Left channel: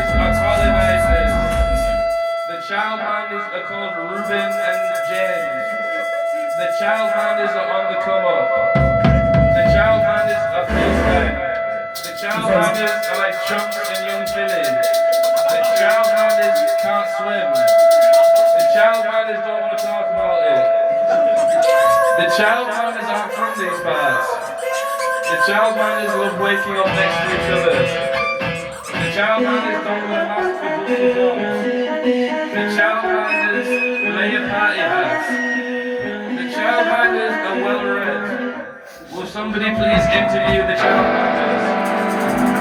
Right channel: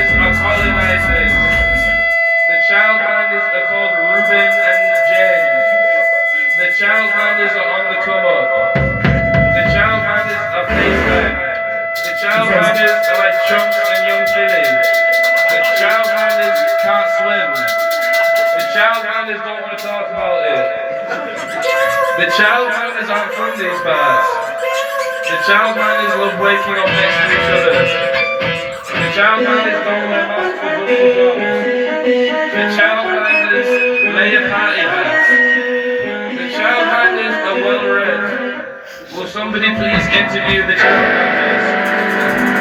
Childminders are colonizers. The Childminders are called Ruben and James. The Childminders are on the come up. The Childminders are FaceTime. The Childminders are like Chunks and Young Philly. The Childminders can't swim. The Childminders don't want to talk about it. The Childminders aren't from these parts. The Childminders love waking up next to each other. The Childminders don't wear masks with buffalo clothes. The Childminders lay a party hats. The Childminders are well read. Will somebody please interview the Childminders?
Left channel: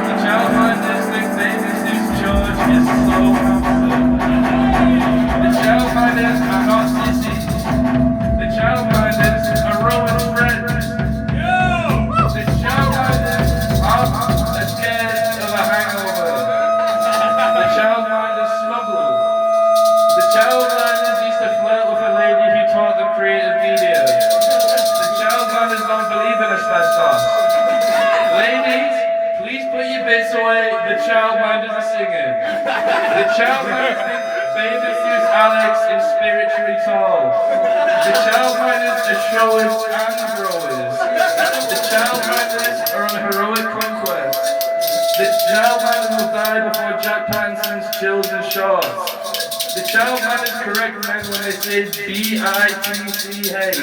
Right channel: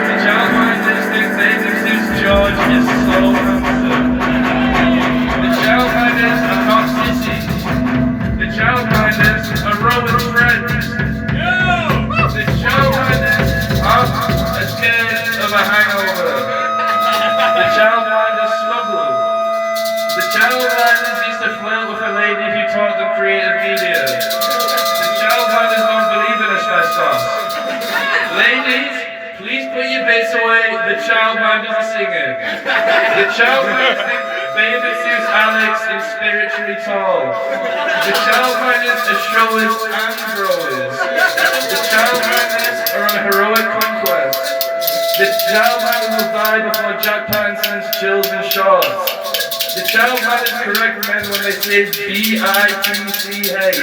The Childminders think David Seuss George is so handsome. The Childminders are not sissies. The Childminders are Rowan's friends. The Childminders aren't scared of a hangover. The Childminders smuggle. The Childminders used to flirt with a lady who taught them creative media. The Childminders don't believe in asbestos. Ladies, please put your bits away. The Childminders are singing. The Childminders think Baby Seuss Alex is spiritually tall. The Childminders are showers and growers. The Childminders are on heroic conquest. The Childminders will die before Jack Pattinson's chills and shorts. The Childminders correct men when they say B-I-T-C-H.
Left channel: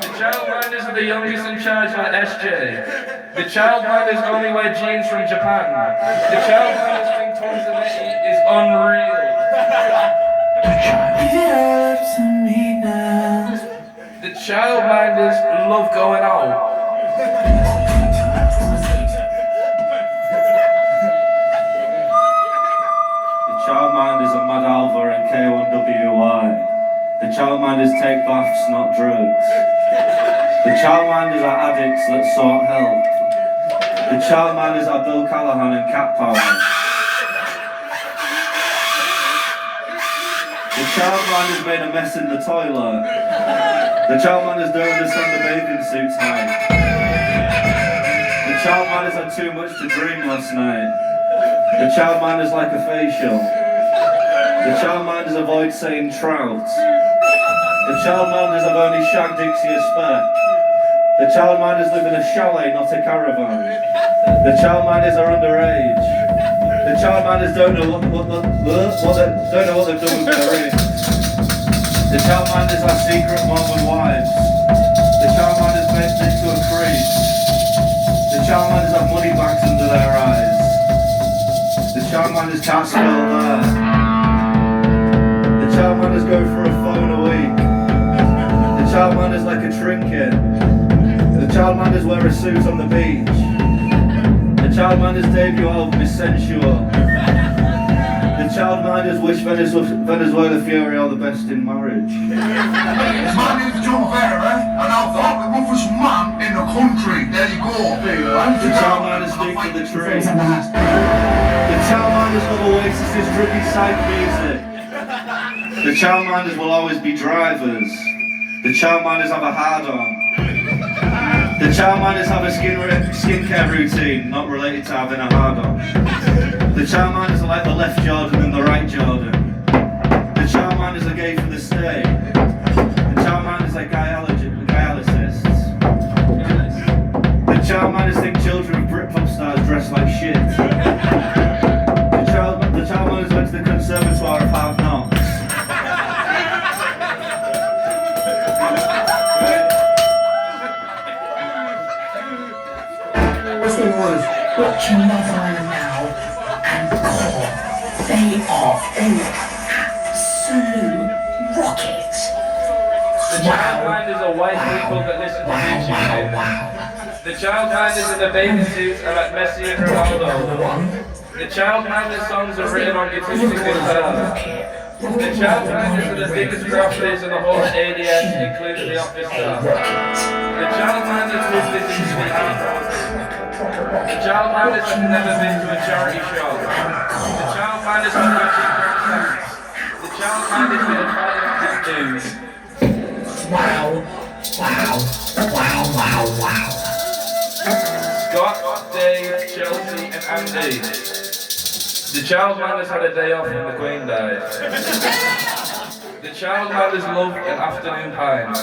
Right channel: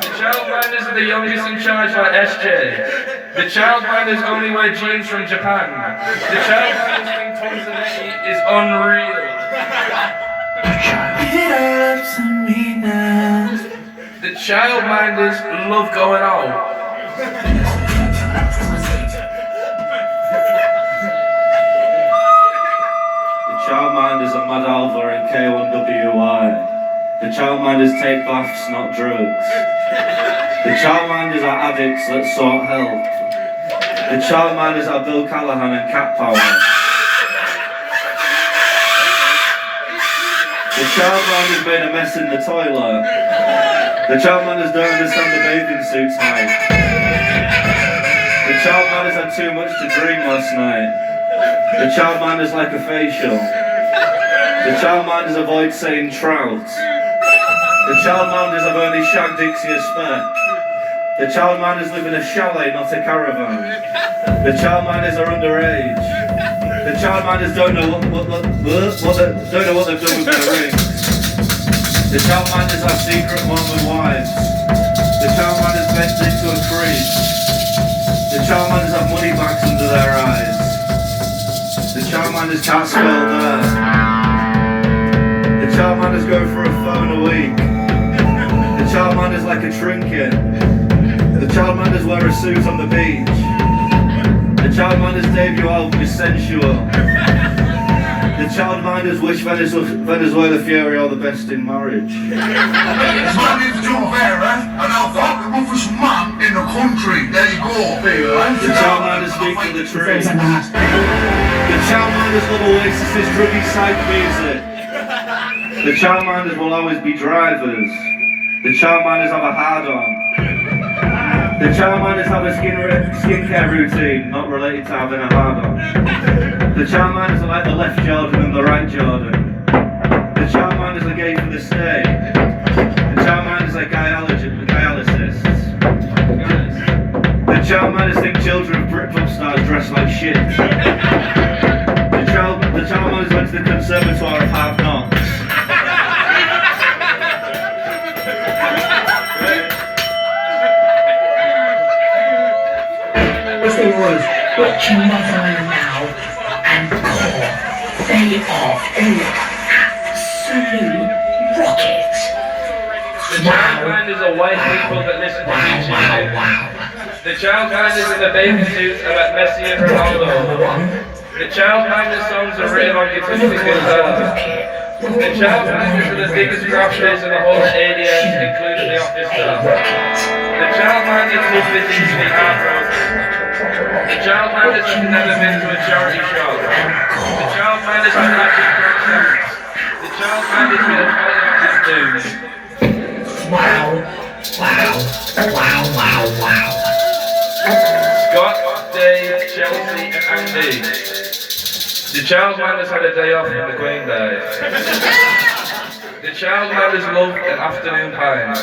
The Childminders are the youngest in charge like SJ. The Childminders only wear jeans from Japan. The Childminders think Tanzania is unreal. The Childminders love going out. The Childminders are Mad Alva and K1WY. The Childminders take baths, not drugs. The Childminders are addicts that sought help. The Childminders are Bill Callahan and Cat Power. The Childminders made a mess in the toilet. The Childminders don't understand the bathing suit's height. The Childminders had too much to drink last night. The Childminders like a facial. The Childminders avoid saying trout. The Childminders have only shag Dixie a spare. The Childminders live in a chalet, not a caravan. The Childminders are underage. The Childminders don't know what they've done with their rings. The Childminders are secret Mormon wives. The Childminders bend into a crease. The Childminders have money bags under their eyes. The Childminders can't spell there. The Childminders go for a phone a week. The Childminders like a trinket. The Childminders wear a suit on the beach. The Childminders debut album is sensual. The Childminders wish Venezuela Fury are the best in marriage. My name's John Vera, and I'll vote the roughest man in the country. There you go. The Childminders speak to the tree. The Childminders love Oasis's druggy psych music. The Childminders will always be drivers. The Childminders have a hard-on. The Childminders have a skincare routine, not related to having a hard-on. The Childminders are like the left Jordan and the right Jordan. The Childminders are gay for the stay. The Childminders are dialysists. The Childminders think children of Britpop stars dress like shit. The Childminders went to the Conservatoire of Hard Knocks. Watching Motherland now and Core, they are all absolute rockets. The Childminders are white people that listen to music. The Childminders in the bathing suits are like Messi and Ronaldo. The Childminders songs are written on acoustic guitar. The Childminders are the biggest grafters in the whole of ADS, including the office staff. The Childminders live with easily heartbroken. The Childminders have never been to a charity show. The Childminders have magic cross. The Childminders with a fight on his dude. Wow. Wow. Scott, Dave, Chelsea and Andy. The Childminders had a day off when the Queen died. The Childminders love an afternoon pint.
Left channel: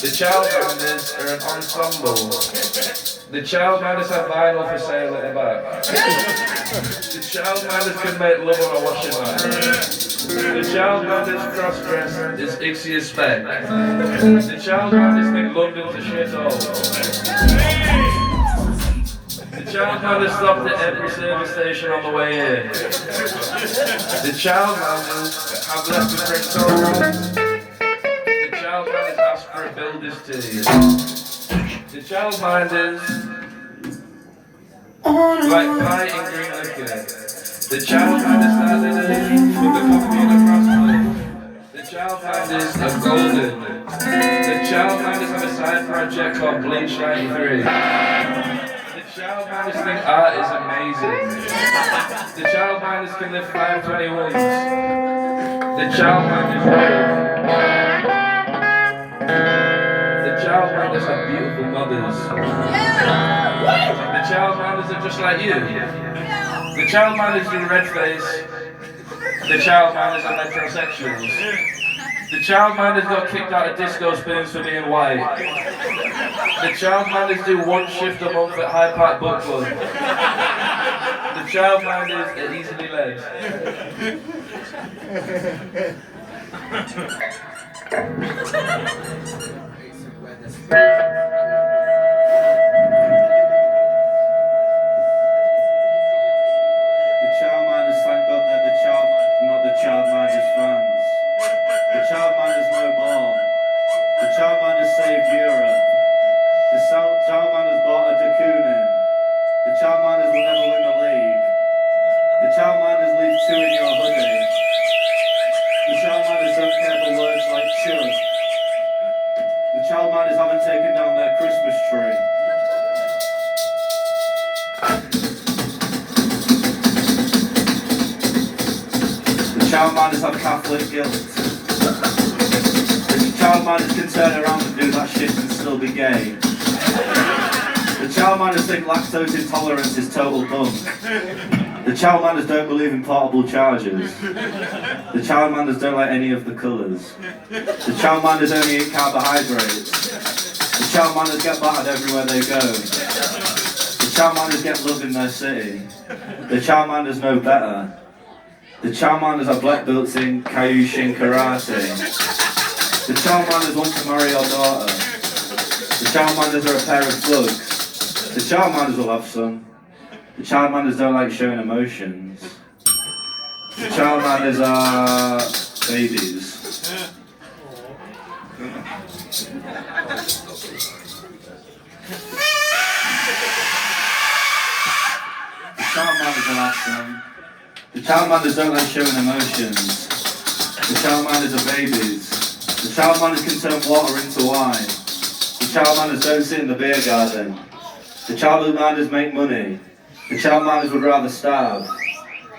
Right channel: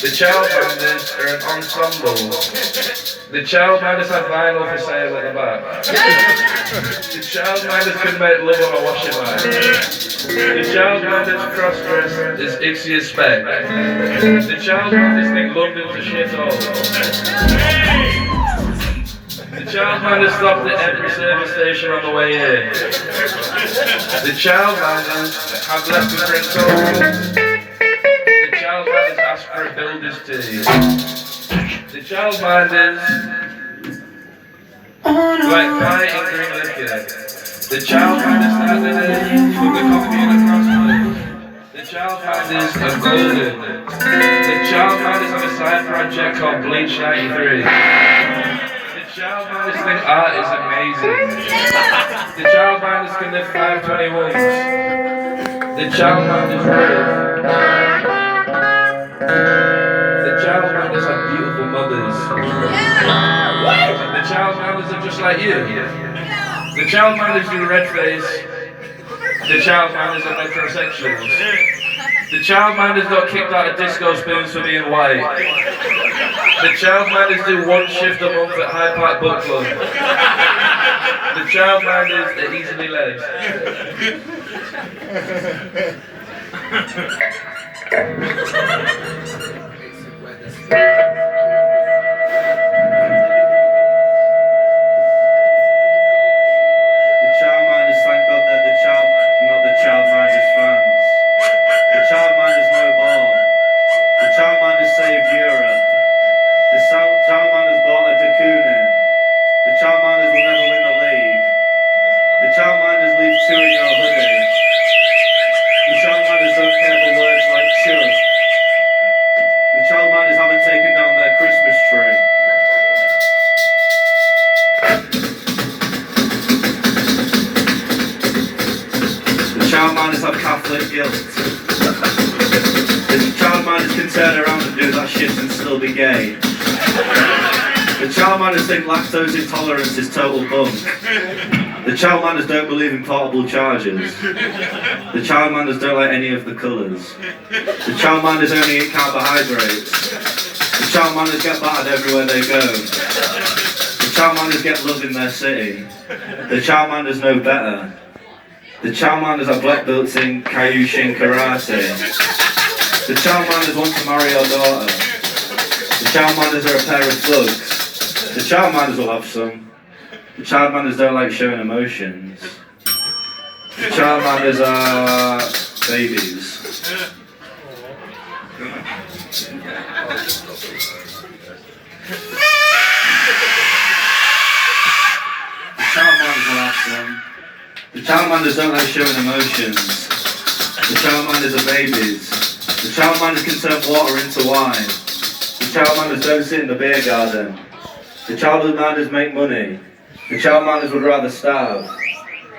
The Childminders are an ensemble. The Childminders have vinyl for sale at the back. The Childminders can make love on a washing line. The Childminders cross-dress is Ixie as spec. The Childminders think London's a shithole. The Childminders stopped at every service station on the way in. The Childminders have left with drink tokens. The Childminders ask for a builder's tea. The Childminders like pie and green liquor. The Childminders start the day with the coffee and a crossroads. The Childminders are golden. The Childminders have a side project called Bleach 93. The Childminders think art is amazing. The Childminders can lift 521s. The Childminders live. The Childminders have beautiful mothers. The Childminders are just like you. The Childminders do red face. The Childminders are metrosexuals. The Childminders got kicked out of disco spoons for being white. The Childminders do one shift a month at Hyde Park Book Club. The Childminders are easily led. Childminders fans. The Childminders no ball. The Childminders saved Europe. The Childminders bought a Dakunin. The Childminders will never win the league. The Childminders leave two in your hoodie. The Childminders don't care for words like chug. The Childminders haven't taken down their Christmas tree. The Childminders have Catholic guilt. The Childminders can turn around and do that shit and still be gay. The Childminders think lactose intolerance is total bunk. The Childminders don't believe in portable chargers. The Childminders don't like any of the colours. The Childminders only eat carbohydrates. The Childminders get battered everywhere they go. The Childminders get love in their city. The Childminders know better. The Childminders are black belts in Kyushin Karate. The Childminders want to marry your daughter. The Childminders are a pair of thugs. The Childminders will have some. The Childminders don't like showing emotions. The Childminders are babies. The Childminders will have some. The Childminders don't like showing emotions. The Childminders are babies. The Childminders can turn water into wine. The Childminders don't sit in the beer garden. The Childminders make money. The Childminders would rather starve.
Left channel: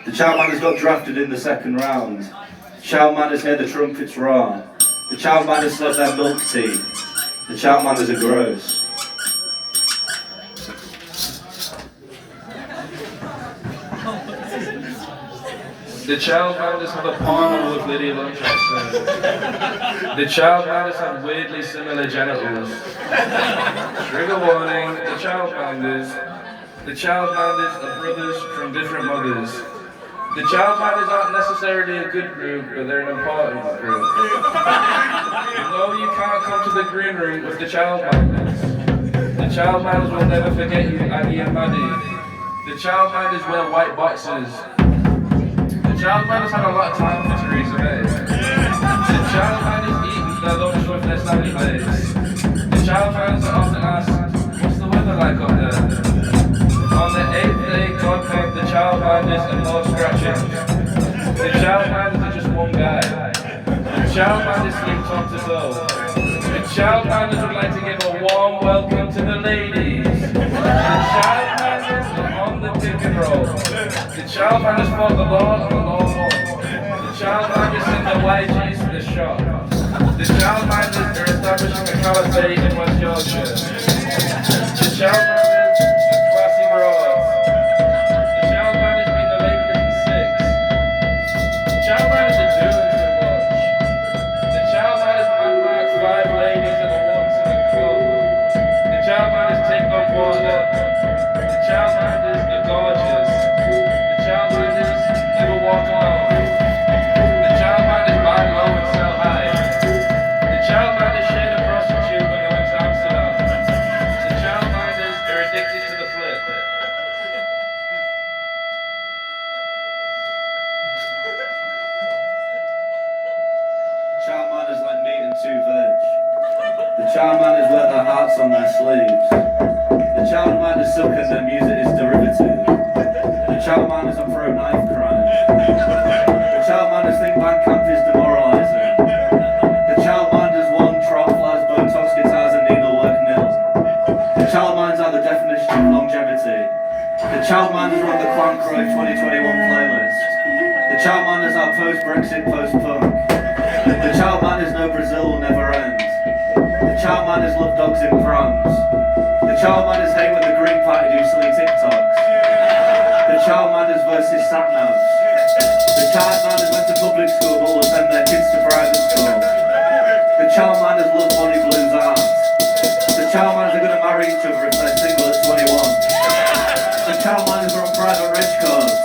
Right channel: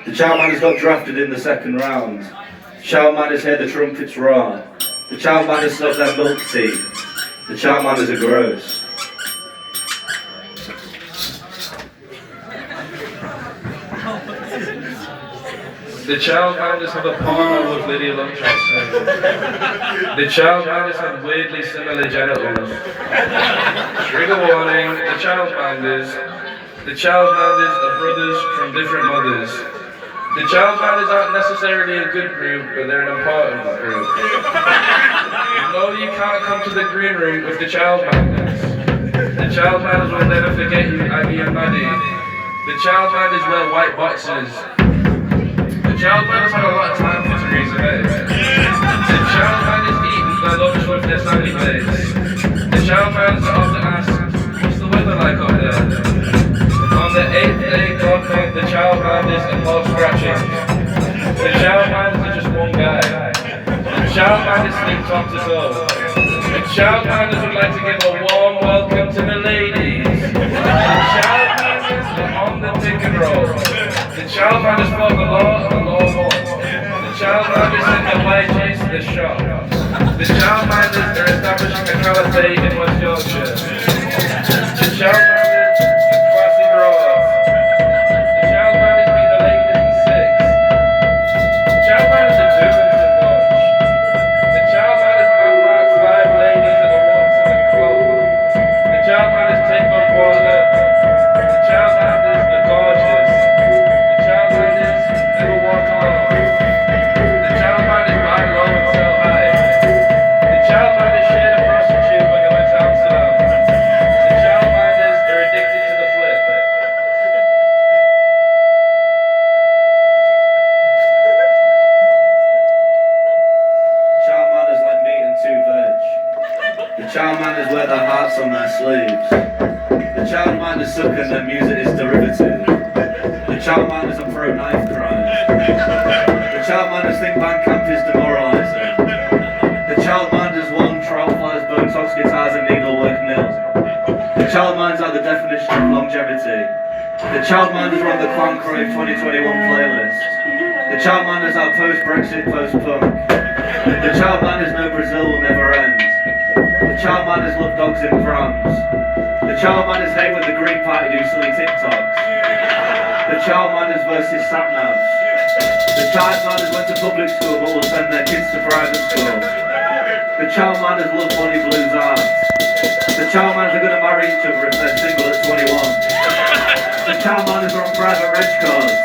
The Childminders got drafted in the second round. The Childminders hear the trumpets roar. The Childminders love their milk tea. The Childminders are gross. The Childminders have a porno with Lydia Lunchak singing. The Childminders have weirdly similar genitals. Trigger warning, the Childminders. The Childminders are brothers from different mothers. The Childminders aren't necessarily a good group, but they're an important group. No, you can't come to the green room with the Childminders. The Childminders will never forget you, Aggie and Maddie. The Childminders wear white boxers. The Childminders have a lot of time for Theresa May. The Childminders eat their lunch with their sandy plates. The Childminders are often asked, what's the weather like up there? On the 8th day, God made the Childminders and more scratching. The Childminders are just one guy. The Childminders sleep top to toe. The Childminders would like to give a warm welcome to the ladies. The Childminders are on the tick and roll. The Childminders fought the law and the law won. The Childminders sent the YJs to the shop. The Childminders are establishing a caliphate in West Yorkshire. The Childminders are classy bras. The Childminders beat the Lakers in 6. sleeves. The childminders suck and their music is derivative. The childminders are pro-knife crime. The childminders think Bandcamp is demoralising. The childminders won Trollflies, Botox guitars and needlework nil. The childminders are the definition of longevity. The childminders are on the Clan Crave 2021 playlist. The childminders are post-Brexit, post-punk. The childminders know Brazil will never end. The childminders love dogs in prams. The childminders hate when the Green Party do silly TikToks. The childminders versus satnavs. The childminders went to public school but will send their kids to private school. The childminders love Bonnie Blues art. The childminders are going to marry each other if they're single at 21. The childminders are on private reg cards.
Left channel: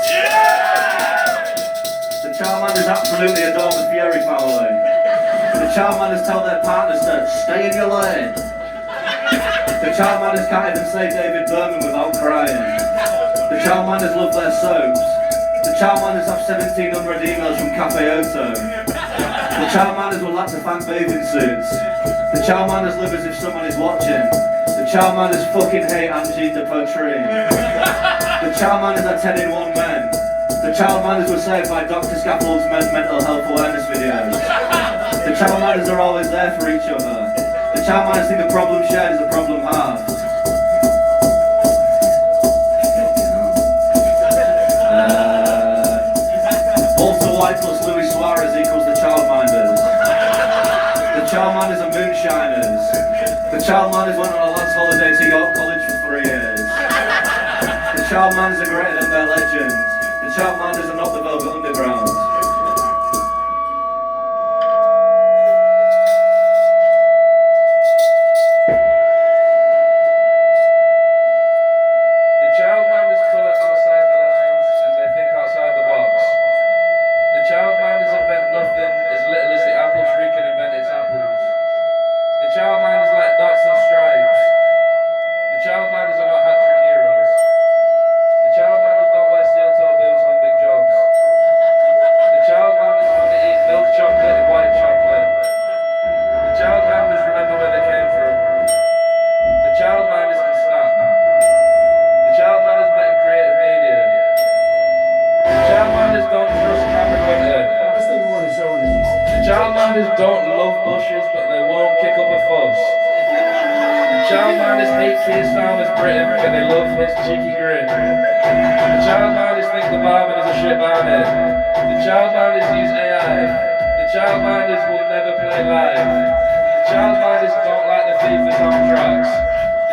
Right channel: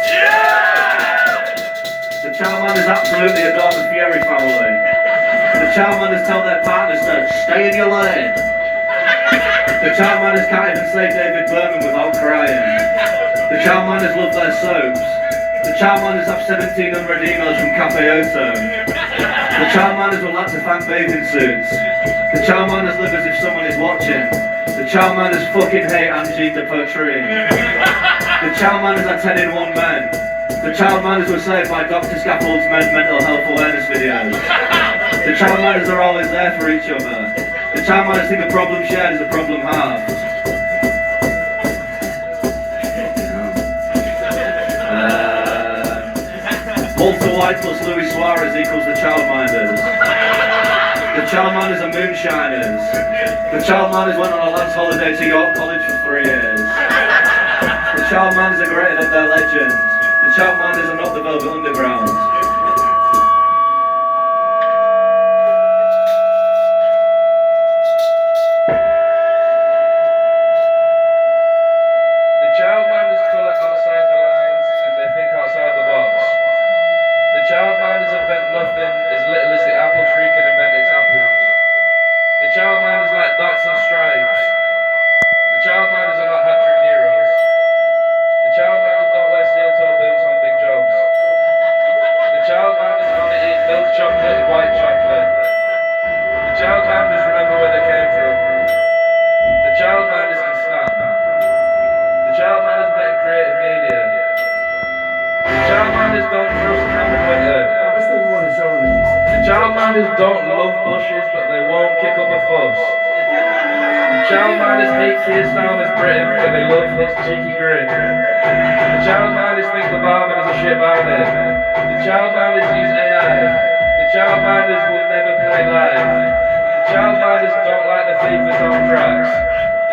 The childminders absolutely adore the Fury family. The childminders tell their partners to stay in your lane. The childminders can't even say David Berman without crying. The childminders love their soaps. The childminders have 1,700 emails from Cafe Oto. The childminders would like to thank bathing suits. The childminders live as if someone is watching. The childminders fucking hate Angie de Poitrine. The childminders are 10 in 1 men. The childminders were saved by Dr. Scaffold's mental health awareness videos. The childminders are always there for each other. The childminders think a problem shared is a problem halved. Walter White plus Luis Suarez equals the childminders. The childminders are moonshiners. The childminders went on a last holiday to York College for 3 years. The childminders are greater than their legends. The childminders are not the Velvet Underground. The childminders pull outside the lines and they think outside the box. The childminders invent nothing as little as the apple tree can invent its apples. The childminders like dots and stripes. The childminders are not hat-trick heroes. The childminders don't wear steel-toe boots on big jobs. The childminders only eat milk chocolate and white chocolate. The childminders remember where they came from. The childminders can snap. The childminders met in creative media. The childminders don't trust Captain Winter. The childminders don't love bushes, but they won't kick up a fuss. The childminders hate Keirstowner's Britain, but they love his cheeky grin. The childminders think the barman is a shit barman. The childminders use AI. The childminders will never play live. The childminders don't like the FIFA soundtracks.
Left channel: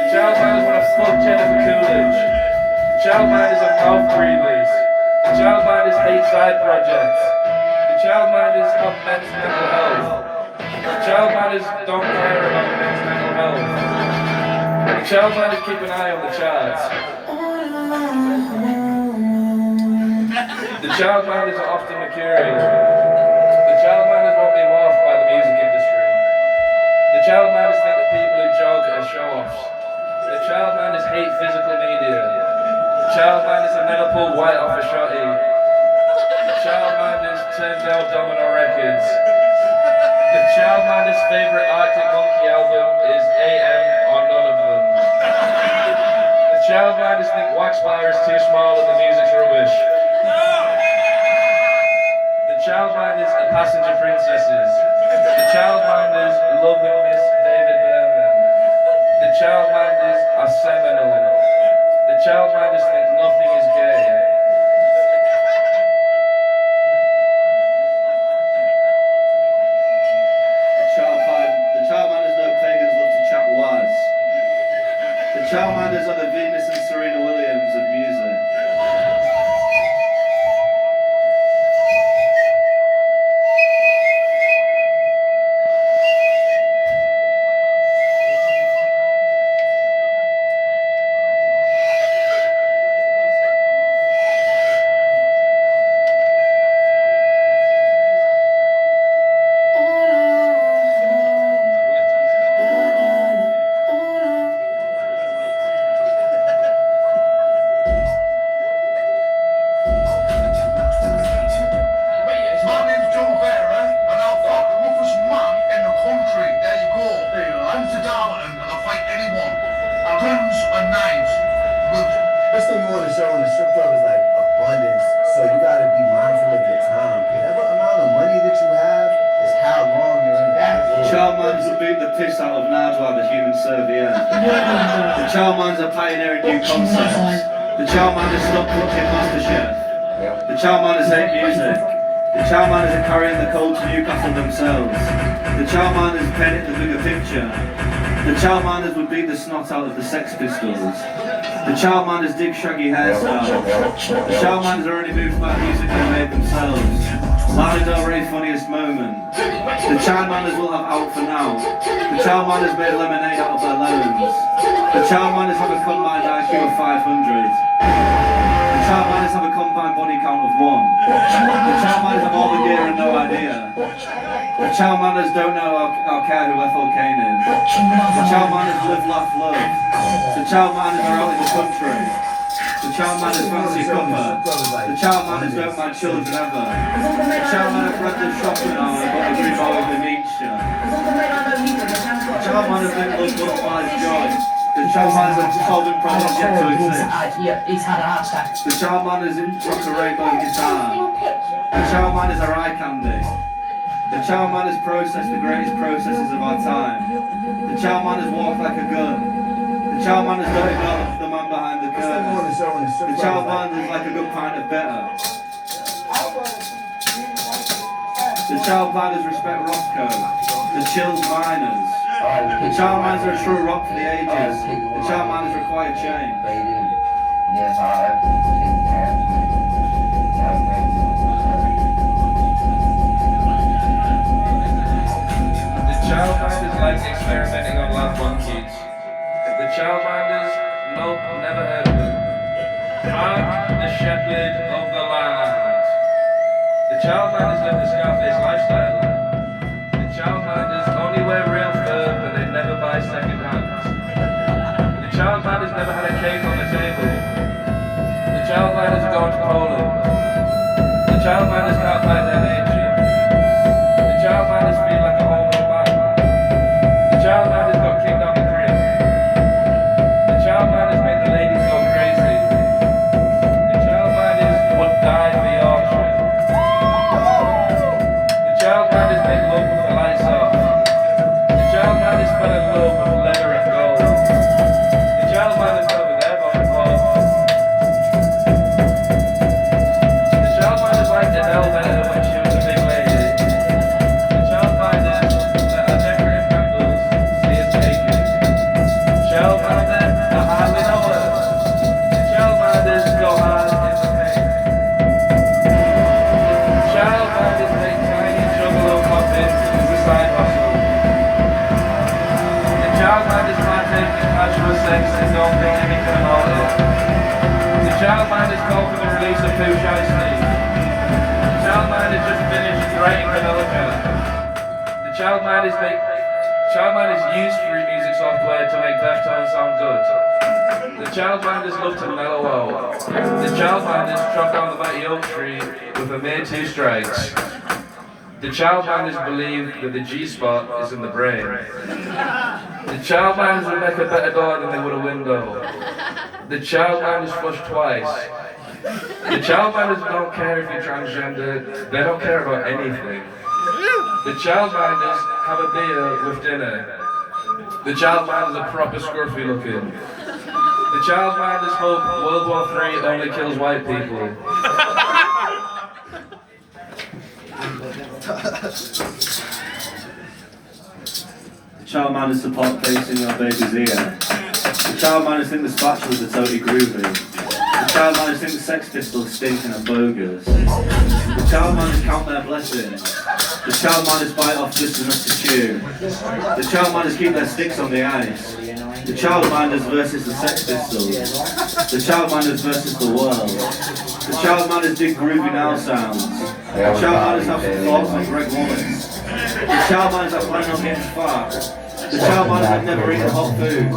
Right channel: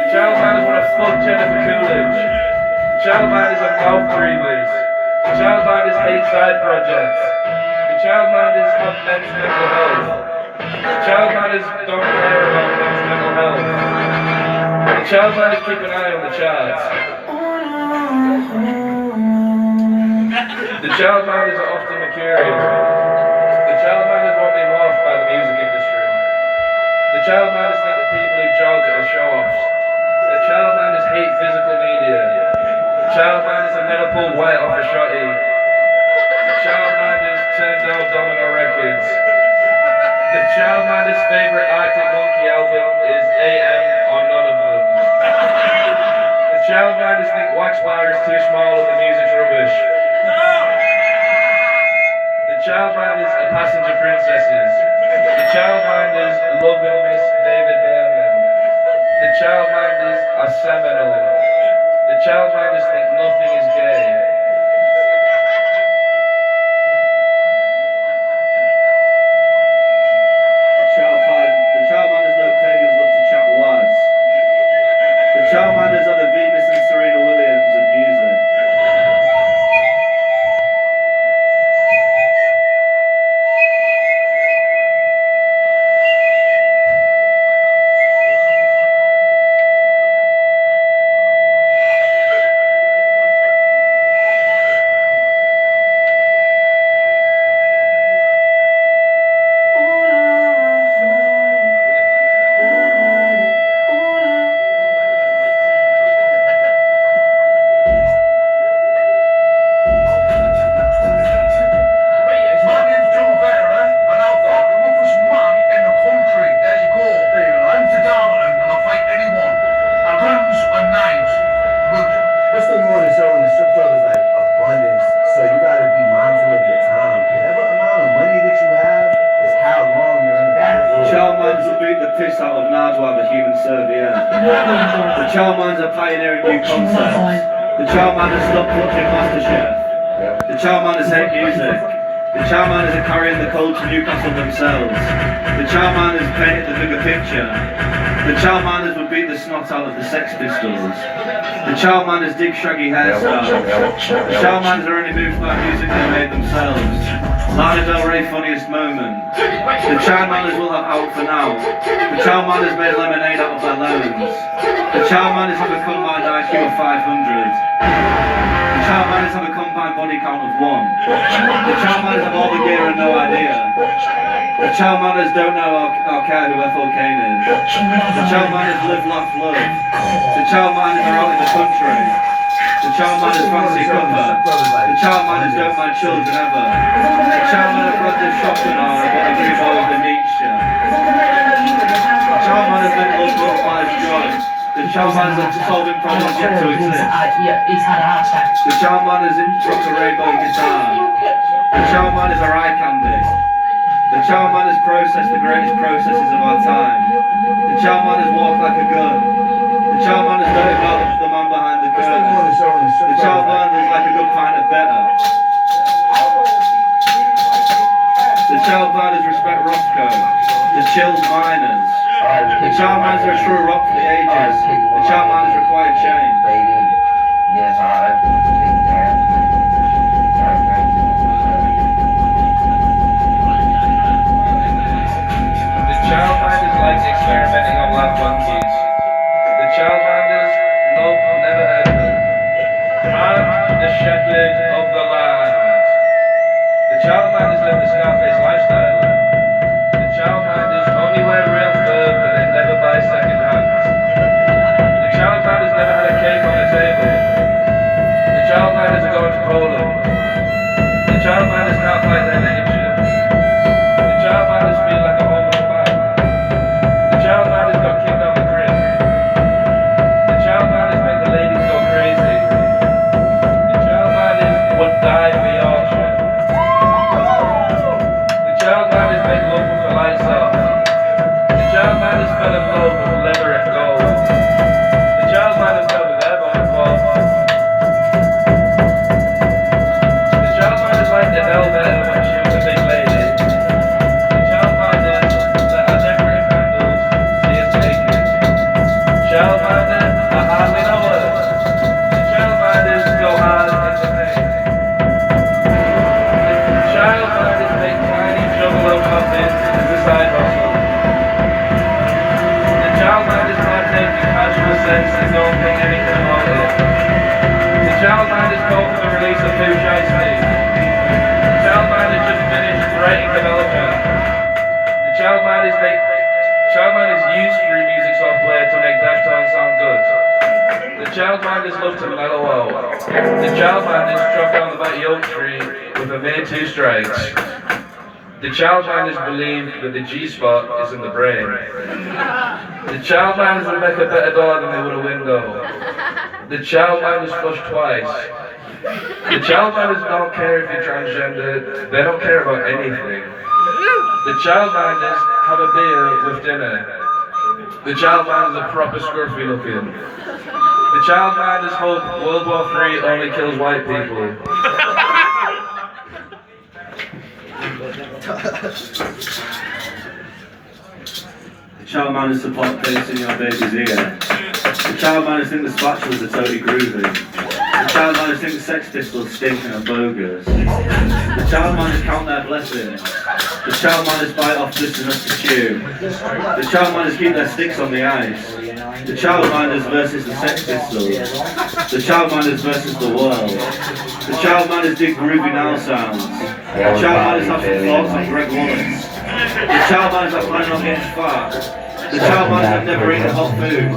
The childminders want to fuck Jennifer Coolidge. The childminders are mouth breathers. The childminders hate side projects. The childminders have men's mental health. The childminders don't care about men's mental health. The childminders keep an eye on the charts. The childminders are often mercurial. The childminders won't be morphed by the music industry. The childminders think that people who jog are show-offs. The childminders hate physical media. The childminders have never pulled white off a shotty. The childminders turned down Domino Records. The childminders' favourite Arctic Monkey album is AM or none of them. The childminders think Wax Bar is too small and the music's rubbish. The childminders are passenger princesses. The childminders love and miss David Berman. The childminders are seminal. The childminders think nothing is gay. The childminders know pagans love to chat waz. The childminders are the Venus and Serena Williams of music. childminders stop watching MasterChef. The childminders hate music. The childminders are carrying the cold to Newcastle themselves. The childminders painted the bigger picture. The childminders would beat the snot out of the Sex Pistols. The childminders dig shaggy hairstyles. The childminders are only moved by music they made themselves. Lana Del Rey funniest moment. The childminders will have out for now. The childminders made lemonade out of their lemons. The childminders have a combined IQ of 500. The childminders have a combined body count of 1. The childminders have all the gear and no idea. The childminders don't know or care who Ethel Cain is. The childminders live, laugh, love. The childminders are out in the country. The childminders fancy cuppa. The childminders don't mind children ever. The childminders read the shopping hour but agree with the Nietzsche. The childminders make love butterflies joy. The childminders are solving problems yet to exist. He's had a heart attack. The childminders rock a rainbow guitar. The childminders are eye candy. The childminders process the greatest processes of our time. The childminders walk like a gun. The childminders don't develop the man behind the curtain. The childminders like a good pint of better. The childminders respect Roscoe. The Childminders. The childminders are a true rock for the ages. The childminders require change. Yes, I think that. The childminders like experimenting on live monkeys. The childminders, nope, never heard of them. Mark the shepherd of the land. The childminders live the Scarface lifestyle. The childminders only wear real fur, but they never buy second hand. The childminders never had a cake on the table. The childminders are going to Poland. The childminders can't fight their nature. The childminders feel like a homeless man. The childminders got kicked out the crib. The childminders make the ladies go crazy. The childminders would die for Yorkshire. The childminders make love with the lights off. The childminders fell in love with leather and gold. The childminders fell with their bone involved. The childminders like to know better when she was a big lady. The childminders that are never in handles, see us naked. Childminders are hardly know us. The childminders go hard in the pain. The childminders make tiny juggalo coffins as a side hustle. The childminders partake in casual sex and don't think anything about it. The childminders call for the release of Pooh Shiesty. The childminders just finished writing the melody. The childminders use free music software to make their tone sound good. The childminders love to mellow out. The childminders drop down the back Oak Tree with a mere 2 strikes. The childminders believe that the G-spot is in the brain. The childminders would make a better door than they would a window. The childminders flush twice. The childminders don't care if you're transgender, they don't care about anything. The childminders have a beer with dinner. The childminders are proper scruffy looking. The childminders hope World War III only kills white people. The childminders support placing your baby's ear. The childminders think the spatulas are totally groovy. The childminders think the Sex Pistols stinking and bogus. The childminders count their blessings. The childminders bite off just enough to chew. The childminders keep their sticks on the ice. The childminders versus the Sex Pistols. The childminders versus the world. The childminders dig groovy now sounds. The childminders have some thoughts on Greg Wallace. The childminders are planning on getting fat. The childminders have never eaten hot food.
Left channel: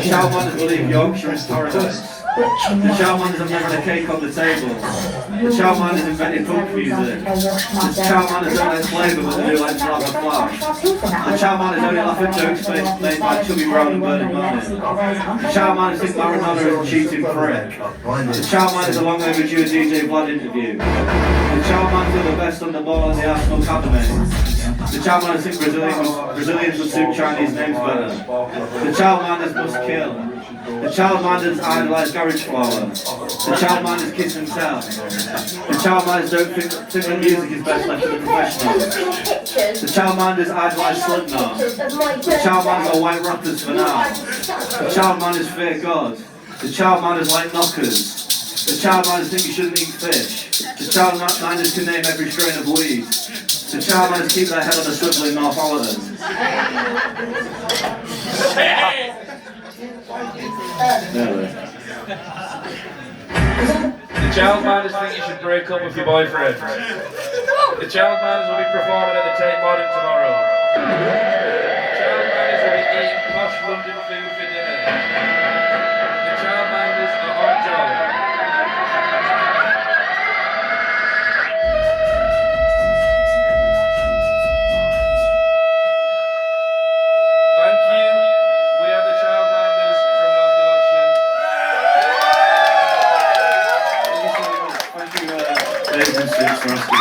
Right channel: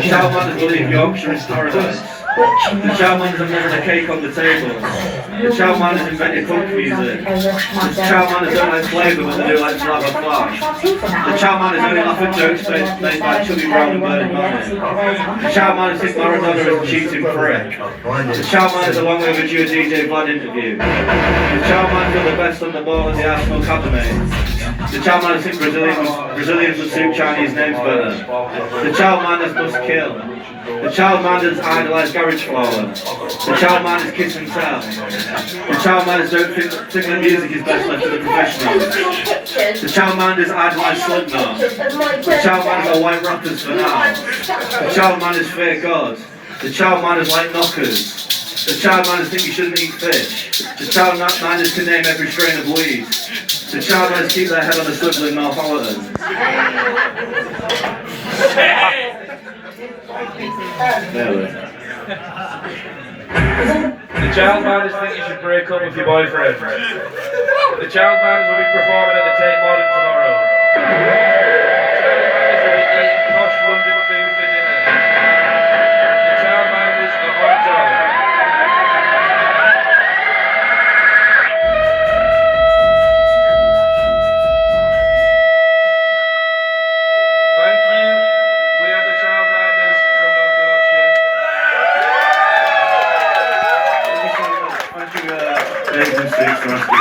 The childminders believe Yorkshire is paradise. The childminders have never had a cake on the table. The childminders invented punk music. The childminders don't like flavour, but they do like Flabber Flash. The childminders only laugh at jokes made by Chubby Brown and Bernie Manning. The childminders think Maradona is a cheating prick. The childminders are long overdue a DJ Vlad interview. The childminders are the best on the ball in the Arsenal Academy. The childminders think Brazilians would suit Chinese names better. The childminders must kill. The childminders idolise carriage flower. The childminders kiss and tell. The childminders don't think that music is best left to the professionals. The childminders idolize Slipknot. The childminders are white rappers for now. The childminders fear God. The childminders like knockers. The childminders think you shouldn't eat fish. The childminders can name every strain of weed. The childminders keep their head on a swivel in Northallerton. The childminders think you should break up with your boyfriend. The childminders will be performing at the Tate Modern tomorrow. The childminders will be eating posh London food for dinner. The childminders are on job. Thank you. We are the childminders from North Yorkshire. Thank you, Bathing Suits, for asking